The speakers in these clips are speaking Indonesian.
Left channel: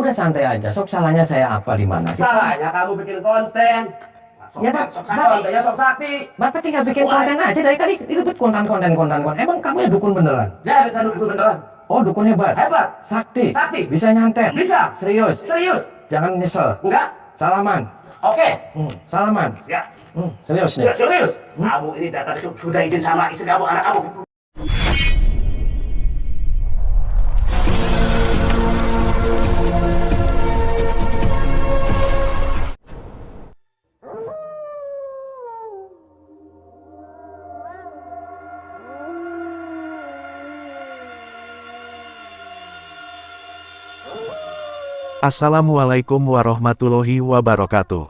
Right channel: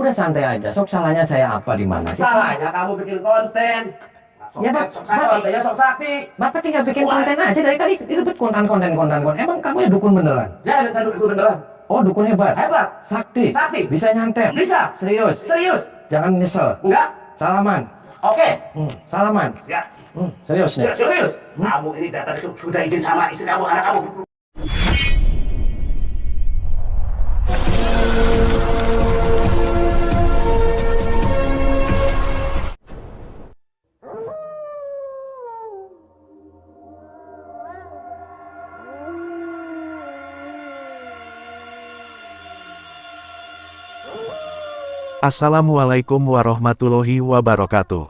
Udah santai aja. Sok salahnya saya apa di mana? Salahnya kamu bikin konten. Ya, Kontennya sok sakti. Bapak tinggal bikin konten aja dari tadi ribet konten. Emang kamu ya dukun beneran? Ya, ada dukun beneran. Oh, dukun hebat. Hebat. Sakti. Sakti. Bisa nyantet. Bisa. Serius. Serius. Jangan nyesel. Enggak. Salaman. Oke. Salaman. Ya. Serius nih. Ya, serius. Kamu ini datang itu sudah izin sama istri kamu, anak kamu. Assalamualaikum warahmatullahi wabarakatuh.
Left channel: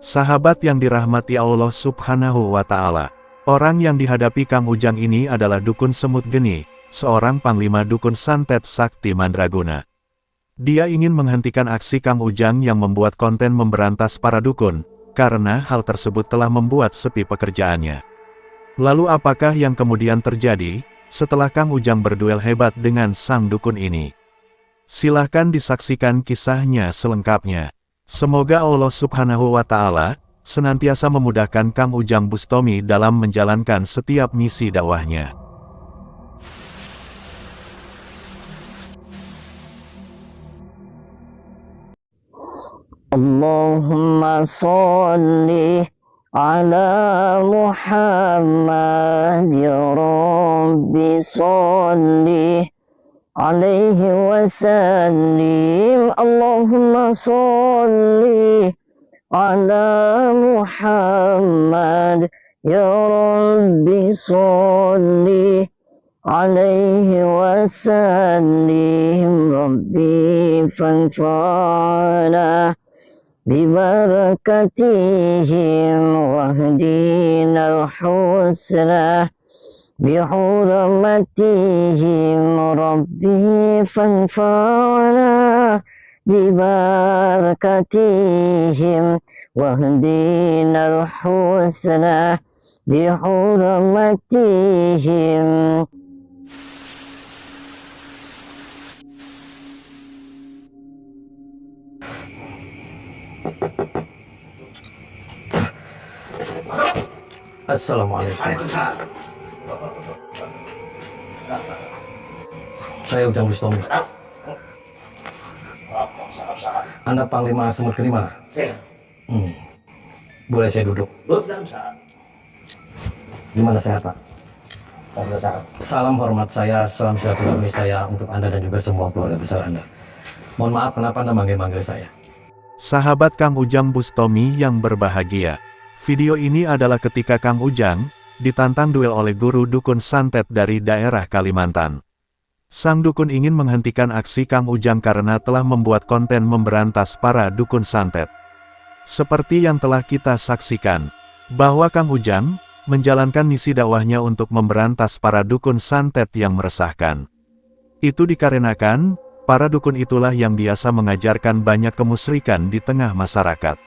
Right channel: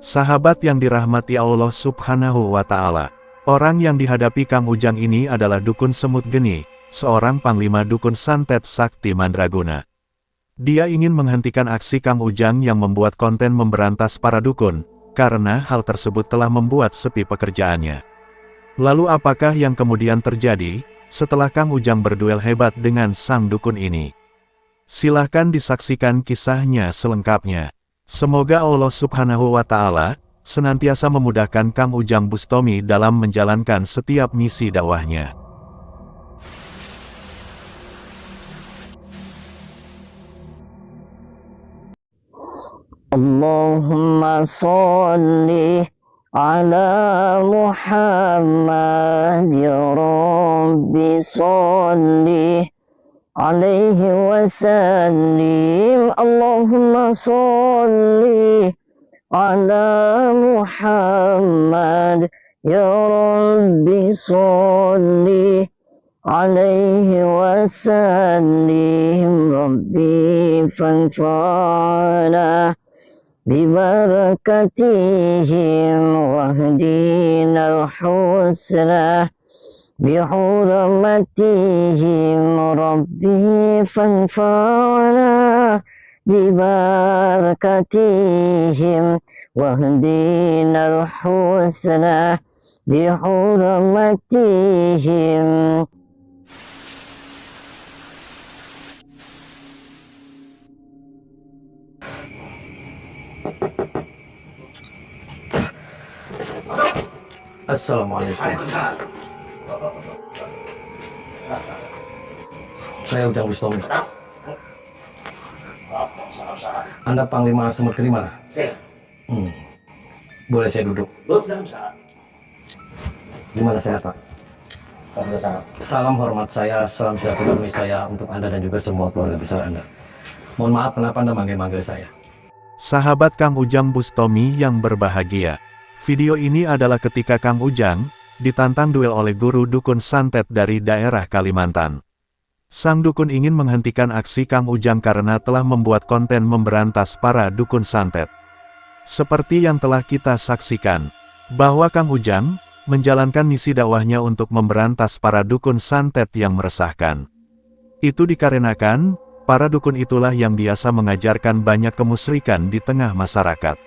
Sahabat yang dirahmati Allah Subhanahu wa Ta'ala, orang yang dihadapi Kang Ujang ini adalah dukun semut geni, seorang panglima dukun santet sakti mandraguna. Dia ingin menghentikan aksi Kang Ujang yang membuat konten memberantas para dukun, karena hal tersebut telah membuat sepi pekerjaannya. Lalu apakah yang kemudian terjadi setelah Kang Ujang berduel hebat dengan sang dukun ini? Silahkan disaksikan kisahnya selengkapnya. Semoga Allah Subhanahu wa Ta'ala senantiasa memudahkan Kang Ujang Bustomi dalam menjalankan setiap misi dakwahnya. Allahumma sholli ala Muhammad ya Rabbi sholli alaihi wasallim. Allahumma sholli ala Muhammad ya Rabbi sholli alaihi wasallim. Rabbi fanfa'na bibarakatihim wahdina al-husna بحرمتهم ربي فانفعنا ببركتهم واهدنا الحسنى بحرمتهم. Assalamualaikum. Saya Ujang Bustomi. Anda Panglima Semut Geni mana? Saya. Boleh saya duduk? Bisa. Gimana sehat, Pak? Kamu sehat. Salam hormat saya, salam silaturahmi saya untuk Anda dan juga semua keluarga besar Anda. Mohon maaf kenapa Anda manggil-manggil saya. Sahabat Kang Ujang Bustomi yang berbahagia, video ini adalah ketika Kang Ujang ditantang duel oleh guru dukun santet dari daerah Kalimantan. Sang dukun ingin menghentikan aksi Kang Ujang karena telah membuat konten memberantas para dukun santet. Seperti yang telah kita saksikan, bahwa Kang Ujang menjalankan misi dakwahnya untuk memberantas para dukun santet yang meresahkan. Itu dikarenakan, para dukun itulah yang biasa mengajarkan banyak kemusyrikan di tengah masyarakat.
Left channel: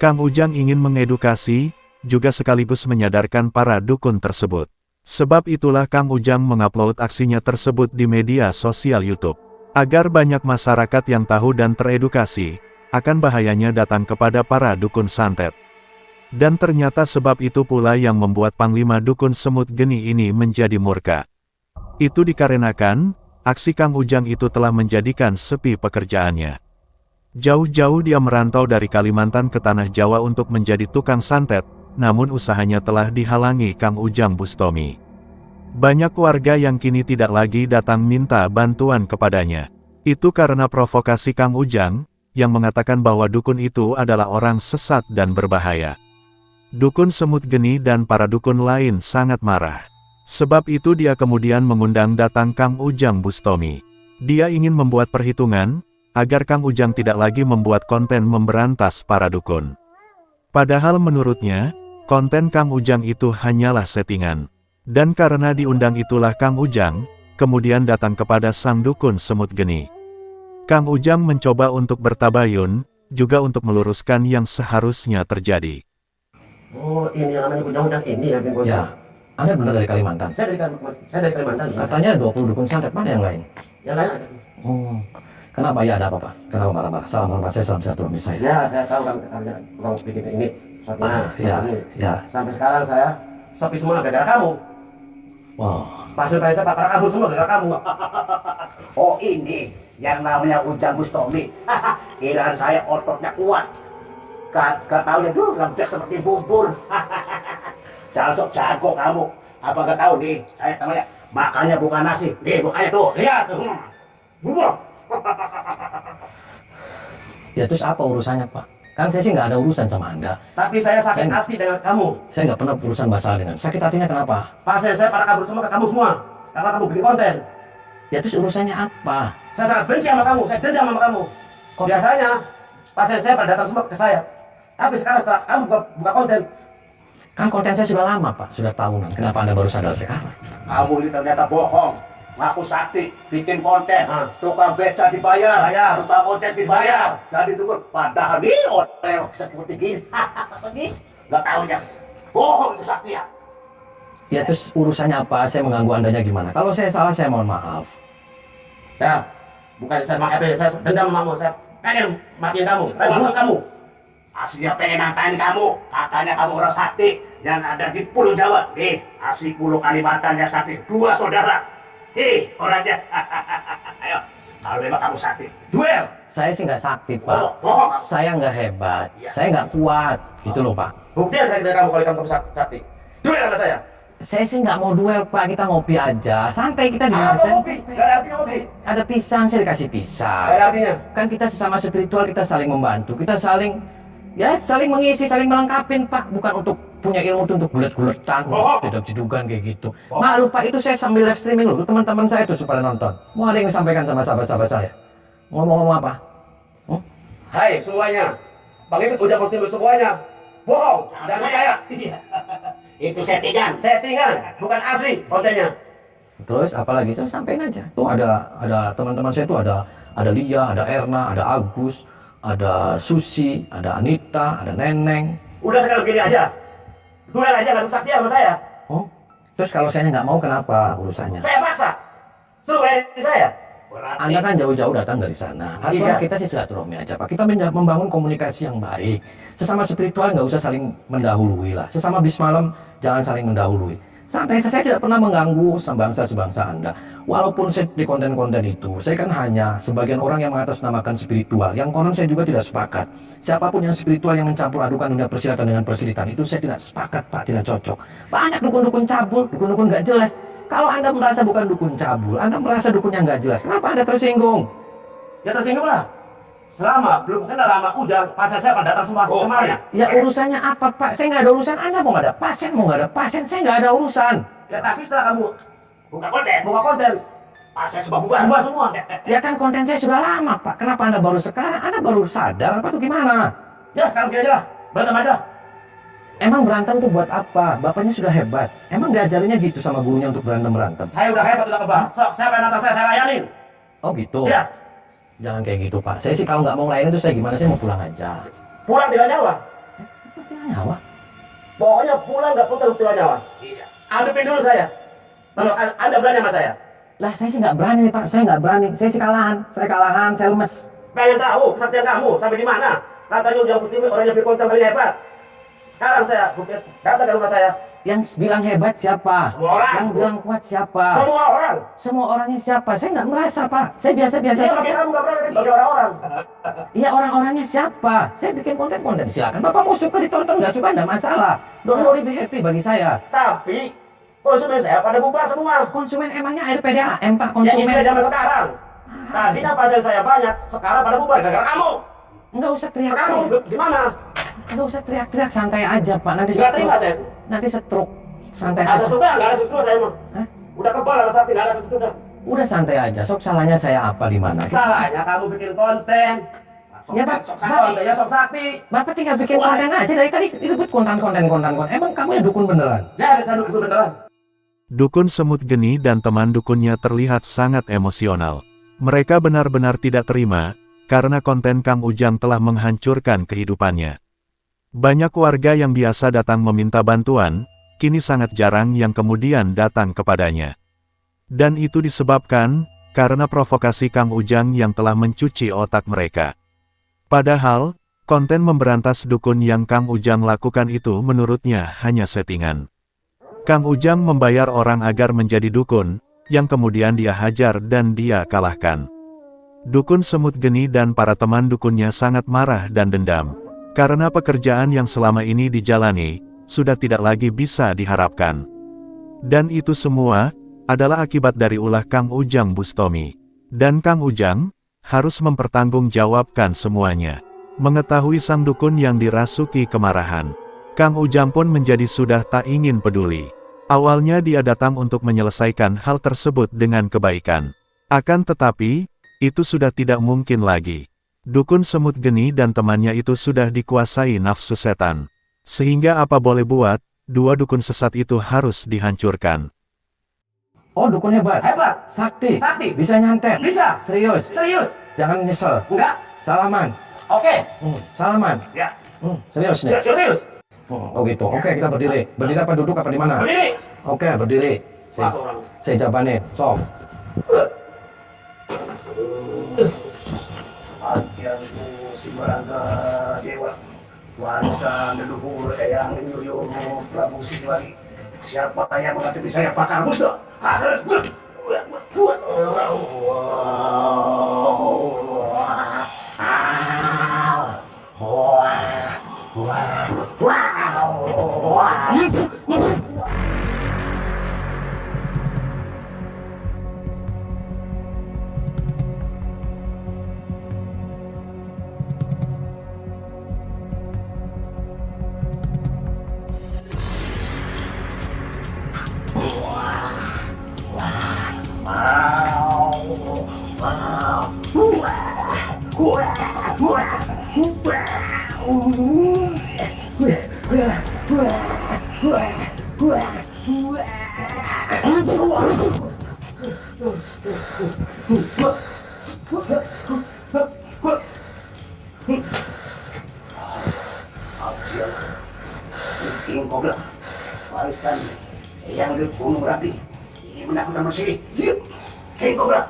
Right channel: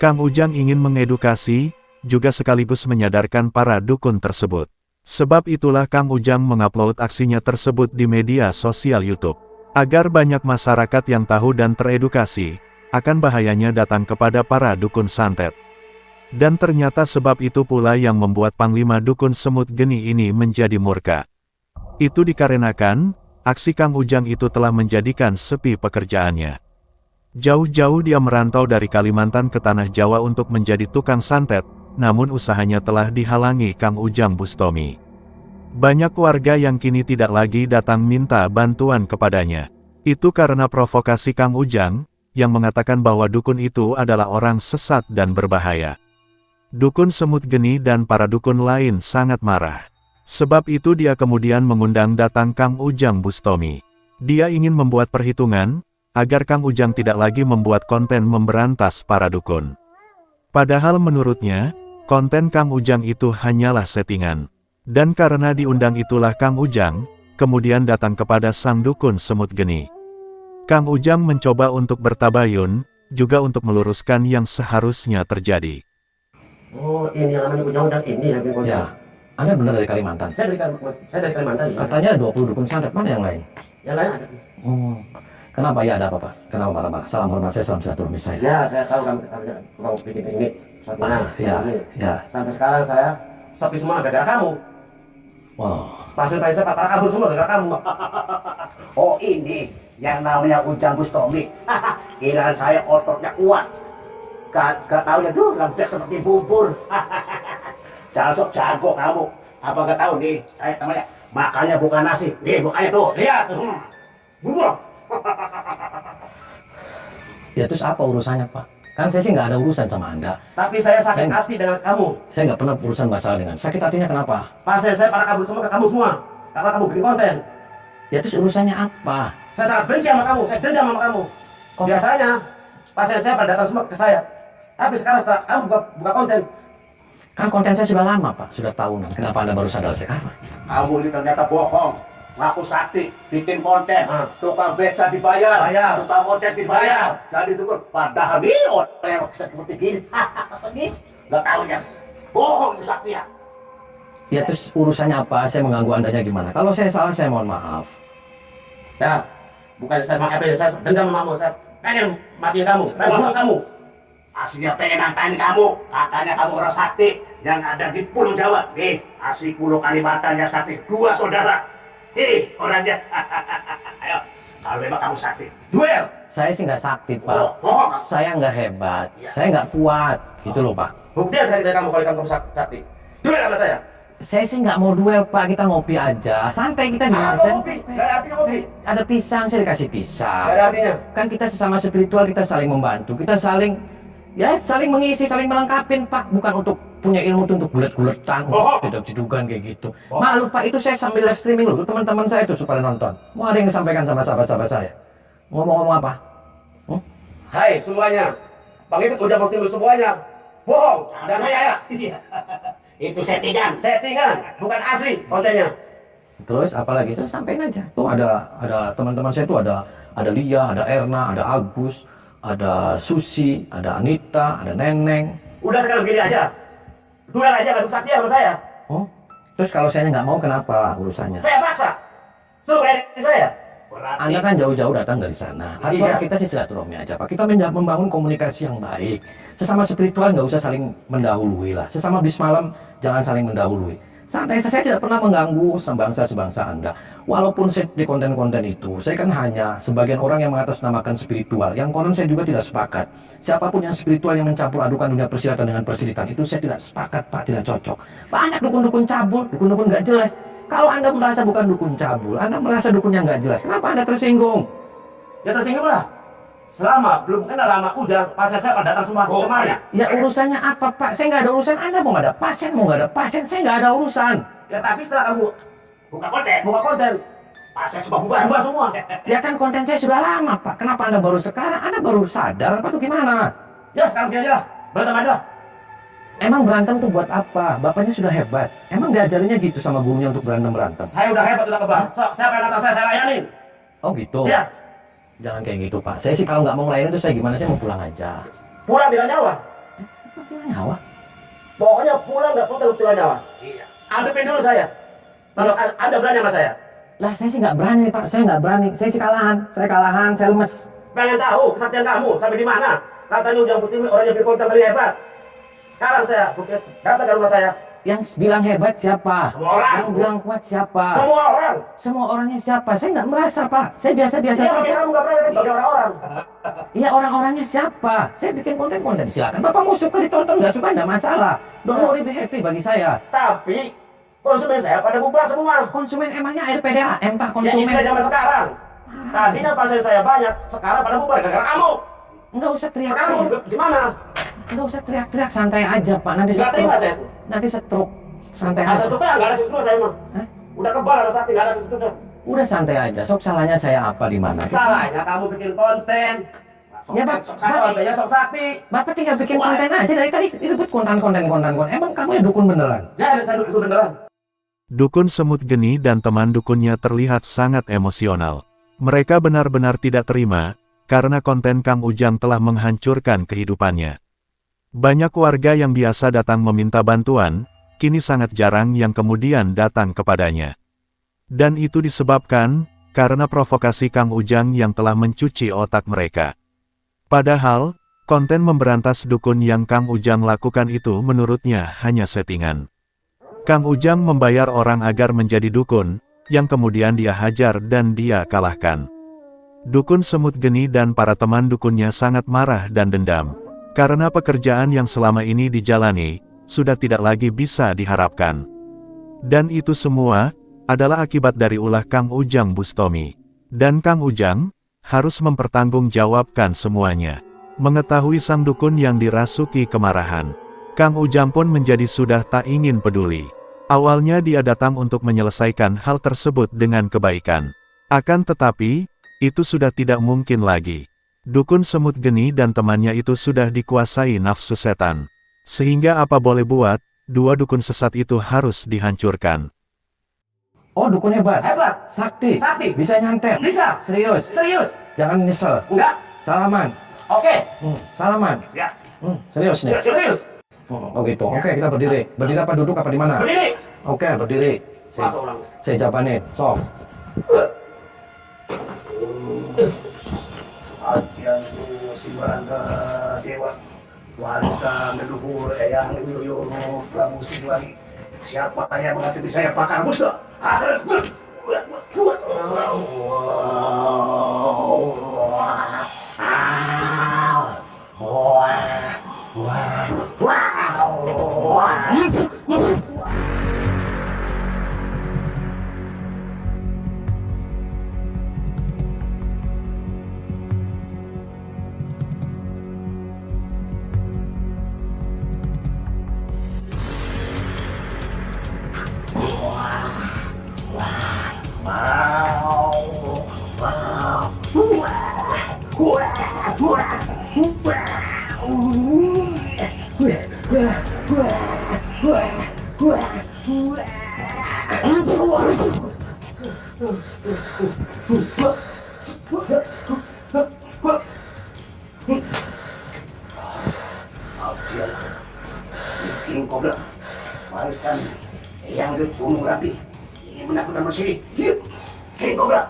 Kang Ujang ingin mengedukasi, juga sekaligus menyadarkan para dukun tersebut. Sebab itulah Kang Ujang mengupload aksinya tersebut di media sosial YouTube, agar banyak masyarakat yang tahu dan teredukasi akan bahayanya datang kepada para dukun santet. Dan ternyata sebab itu pula yang membuat Panglima Dukun Semut Geni ini menjadi murka. Itu dikarenakan, aksi Kang Ujang itu telah menjadikan sepi pekerjaannya. Jauh-jauh dia merantau dari Kalimantan ke Tanah Jawa untuk menjadi tukang santet, namun usahanya telah dihalangi Kang Ujang Bustomi. Banyak warga yang kini tidak lagi datang minta bantuan kepadanya. Itu karena provokasi Kang Ujang, yang mengatakan bahwa dukun itu adalah orang sesat dan berbahaya. Dukun Semut Geni dan para dukun lain sangat marah. Sebab itu dia kemudian mengundang datang Kang Ujang Bustomi. Dia ingin membuat perhitungan, agar Kang Ujang tidak lagi membuat konten memberantas para dukun. Padahal menurutnya, konten Kang Ujang itu hanyalah settingan. Dan karena diundang itulah Kang Ujang, kemudian datang kepada sang dukun Semut Geni. Kang Ujang mencoba untuk bertabayun, juga untuk meluruskan yang seharusnya terjadi. Oh, ini yang namanya Ujang ini yang bikin Ya, Anda benar dari Kalimantan. Saya dari Kalimantan. Ya. Katanya ada 20 dukun santet, mana yang lain? Yang lain ada. Kenapa ya, ada apa Pak? Kenapa marah-marah? Salam hormat saya, salam silaturahmi saya. Ya, saya tahu kamu bikin ini settingan. Ya, ya. Sampai sekarang saya sepi semua gara-gara kamu. Wow. Pasien-pasien saya para kabur semua gara-gara kamu. Oh ini yang namanya Ujang Bustomi. Kiraan saya ototnya kuat. Gak taunya dulu lembek seperti bubur. Jangan sok jago kamu. Apa gak tahu nih, saya namanya makanya bukan nasi. Nih bukannya tuh, lihat. Bubur. Ya terus apa urusannya Pak? Kan saya sih nggak ada urusan sama Anda. Tapi saya sakit hati dengan kamu. Saya nggak pernah urusan masalah dengan. Sakit hatinya kenapa? Pasien saya pada kabur semua ke kamu semua. Karena kamu bikin konten. Ya terus urusannya apa? Saya sangat benci sama kamu, saya dendam sama kamu. Biasanya pasien saya pada datang semua ke saya. Tapi sekarang setelah kamu buka konten. Kan konten saya sudah lama Pak, sudah tahunan. Kenapa Anda baru sadar sekarang? Kamu ini ternyata bohong. Ngaku sakti, bikin konten. Tukang beca dibayar. Tukang ojek dibayar. Jadi itu padahal nih orang seperti gini. Gak tahunya. Bohong itu sakti ya. Ya terus urusannya apa? Saya mengganggu Andanya gimana? Kalau saya salah, saya mohon maaf. Ya, bukan saya maafin, saya dendam sama kamu. Saya pengen matiin kamu, pengen bunuh kamu. Aslinya pengen nantangin kamu. Katanya kamu orang sakti yang ada di Pulau Jawa. Nih, asli Pulau Kalimantan yang sakti. 2 saudara. Orangnya. Ayo, kalau memang kamu sakti, duel. Saya sih nggak sakti Pak. Bohong. Saya nggak hebat. Iya. Saya nggak kuat. Gitu loh Pak. Bukti dari kamu kalau kamu sakti. Duel sama saya. Saya sih nggak mau duel Pak. Kita ngopi aja. Santai kita di Apa ngopi? Gak ada artinya ngopi. Ada pisang, saya dikasih pisang. Gak ada artinya. Kan kita sesama spiritual, kita saling membantu. Kita saling mengisi, saling melengkapin Pak. Bukan untuk punya ilmu itu untuk gulet-guletan, jeduk-jedukan kayak gitu. Malu Pak, itu saya sambil live streaming loh. Teman-teman saya itu supaya nonton. Mau ada yang disampaikan sama sahabat-sahabat saya? Ngomong-ngomong apa? Hai semuanya, pengikut Ujang Bustomi semuanya bohong dan saya. Itu settingan, bukan asli kontennya. Terus apalagi saya sampaikan aja. Tuh ada teman-teman saya itu ada Lia, ada Erna, ada Agus, ada Susi, ada Anita, ada Neneng. Udah sekarang begini aja. Duel aja nggak sakti sama saya. Oh, terus kalau saya nggak mau kenapa urusannya? Saya paksa. Suruh layanin saya. Anda kan jauh-jauh datang dari sana. Atau kita sih silaturahmi aja Pak. Kita membangun komunikasi yang baik. Sesama spiritual nggak usah saling mendahului lah. Sesama bis malam jangan saling mendahului. Santai, saya tidak pernah mengganggu sebangsa Anda. Walaupun saya di konten-konten itu, saya kan hanya sebagian orang yang mengatasnamakan spiritual. Yang konon saya juga tidak sepakat. Siapapun yang spiritual yang mencampur adukan dunia persilatan dengan persilitan itu saya tidak sepakat Pak, tidak cocok. Banyak dukun-dukun cabul, dukun-dukun nggak jelas. Kalau Anda merasa bukan dukun cabul, Anda merasa dukunnya nggak jelas, kenapa Anda tersinggung? Ya tersinggung lah. Selama belum kenal lama Ujang, pasien saya pada datang semua kemari. Ya urusannya apa Pak? Saya nggak ada urusan. Anda mau nggak ada pasien, saya nggak ada urusan. Ya tapi setelah kamu buka konten, pasien semua bubar semua. Ya kan konten saya sudah lama Pak. Kenapa Anda baru sekarang? Anda baru sadar apa tuh gimana? Ya sekarang gini aja lah, berantem aja lah. Emang berantem tuh buat apa? Bapaknya sudah hebat. Emang diajarinya gitu sama gurunya untuk berantem? Saya udah hebat, udah kebal. Sok, siapa yang datang saya layanin. Oh gitu? Iya. Jangan kayak gitu Pak. Saya sih kalau nggak mau ngelayanin tuh saya gimana? Saya mau pulang aja. Pulang tinggal nyawa. Tinggal nyawa? Pokoknya pulang nggak pulang tinggal nyawa. Iya. Hadapin dulu saya. Kalau Anda berani sama saya. Lah saya sih nggak berani nih Pak. Saya nggak berani. Saya sih kalahan. Saya lemes. Pengen tahu kesaktian kamu sampai di mana? Katanya Ujang Bustomi orang yang bikin konten paling hebat. Sekarang saya datang ke rumah saya. Yang bilang hebat siapa? Semua orang. Yang bilang kuat siapa? Semua orang. Semua orangnya siapa? Saya nggak merasa Pak. Saya biasa-biasa Iya, saja. bagi kamu nggak berani, tapi bagi orang-orang. Iya, orang-orangnya siapa? Saya bikin konten-konten. Silakan. Bapak mau suka ditonton, nggak suka nggak masalah. Don't worry, be happy bagi saya. Tapi konsumen saya pada bubar semua. Konsumen emangnya air PDAM Pak? Ya Konsumen. istilah zaman sekarang. Tadinya pasien saya banyak, sekarang pada bubar gara-gara kamu. Nggak usah Sekarang teriak-teriak. mau gimana? Nggak usah teriak-teriak. Santai aja Pak. Nanti Nggak terima stroke. saya. Nanti stroke. Santai Asal aja. struknya nggak ada struktur saya mah. Hah? Udah kebal sama sakti, nggak ada struktur dah. Udah santai aja. Sok salahnya saya apa di mana? Salahnya kamu bikin konten. Ya, Pak. Kontennya sok sakti. Bapak tinggal bikin konten aja dari tadi ribut konten. Emang kamu ya dukun beneran? Ya, saya itu beneran. Dukun semut geni dan teman dukunnya terlihat sangat emosional. Mereka benar-benar tidak terima, karena konten Kang Ujang telah menghancurkan kehidupannya. Banyak warga yang biasa datang meminta bantuan, kini sangat jarang yang kemudian datang kepadanya. Dan itu disebabkan, karena provokasi Kang Ujang yang telah mencuci otak mereka. Padahal, konten memberantas dukun yang Kang Ujang lakukan itu menurutnya hanya settingan. Kang Ujang membayar orang agar menjadi dukun, yang kemudian dia hajar dan dia kalahkan. Dukun Semut Geni dan para teman dukunnya sangat marah dan dendam, karena pekerjaan yang selama ini dijalani, sudah tidak lagi bisa diharapkan. Dan itu semua, adalah akibat dari ulah Kang Ujang Bustomi. Dan Kang Ujang, harus mempertanggungjawabkan semuanya. Mengetahui sang dukun yang dirasuki kemarahan, Kang Ujang pun menjadi sudah tak ingin peduli. Awalnya dia datang untuk menyelesaikan hal tersebut dengan kebaikan. Akan tetapi, itu sudah tidak mungkin lagi. Dukun Semut Geni dan temannya itu sudah dikuasai nafsu setan. Sehingga apa boleh buat, dua dukun sesat itu harus dihancurkan. Oh, dukun hebat. Hebat. Sakti. Sakti. Bisa nyantet. Bisa. Serius. Serius. Jangan nyesel. Enggak. Salaman. Oke. Salaman. Ya. Serius nih. Ya, serius. Oh gitu. Oke, kita berdiri. Berdiri apa duduk apa di mana? Berdiri. Oke, berdiri. Masuk orang. Saya jabanin. Sok. Ajian itu si Barangga Dewa, warisan leluhur Eyang Wiyoyo Prabu Siliwangi. Siapa yang mengganti saya Pakar Musda? Ajian King Cobra, warisan yang di Gunung Merapi. Ini menakutkan manusia ini. Lihat, King Cobra.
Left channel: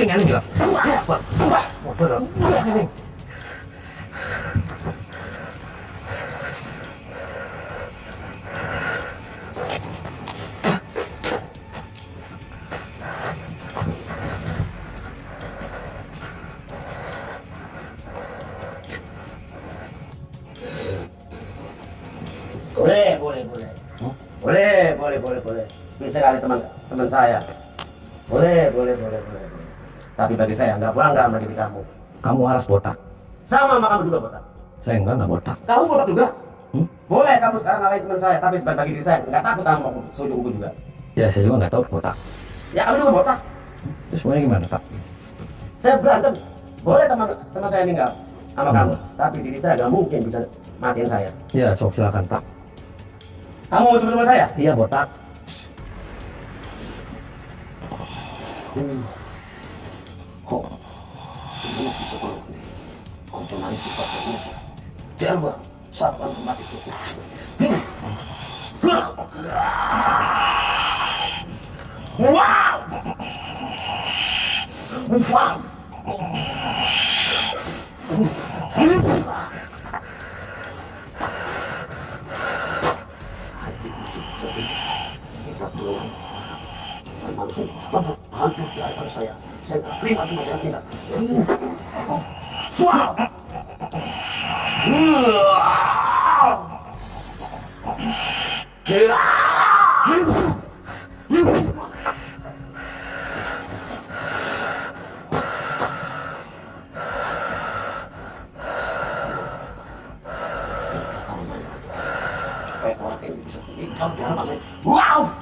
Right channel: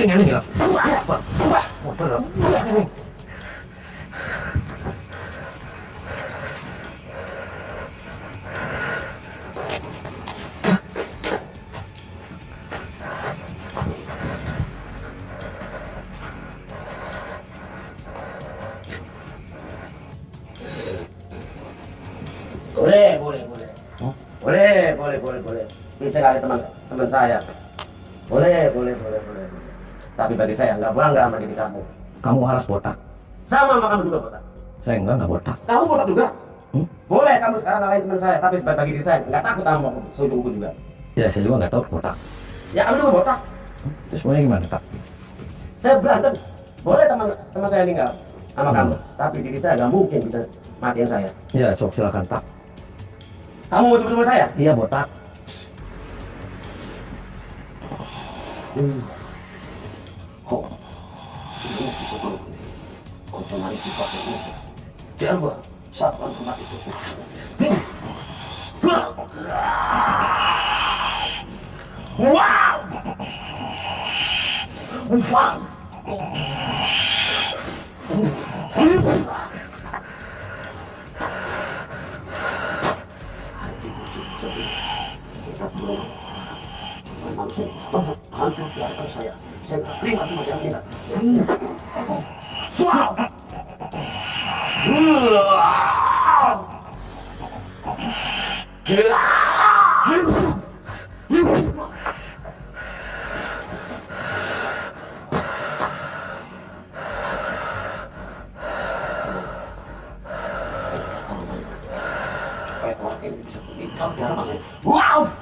Tinggal bilang. Motor. Boleh. Bisa kali teman saya. Boleh. Tapi bagi saya nggak bangga sama diri kamu. Kamu waras botak. Sama kamu juga botak. Saya enggak botak. Kamu botak juga. Boleh kamu sekarang ngalahin teman saya, tapi bagi diri saya nggak takut sama sojo kuku juga. Ya, saya juga nggak tahu botak. Ya kamu juga botak. Terus maunya gimana, Pak? Saya berantem. Boleh teman saya meninggal sama kamu, tapi diri saya nggak mungkin bisa matiin saya. Ya, sok silakan, Pak. Kamu mau coba saya? Iya, botak. Kok ini bisa terjadi? Kau penari sifatnya musuh. Jelma, siapa tempat itu? Wow! Kita tolong langsung hancur di hadapan saya. Saya nggak terima teman saya meninggal. Wow!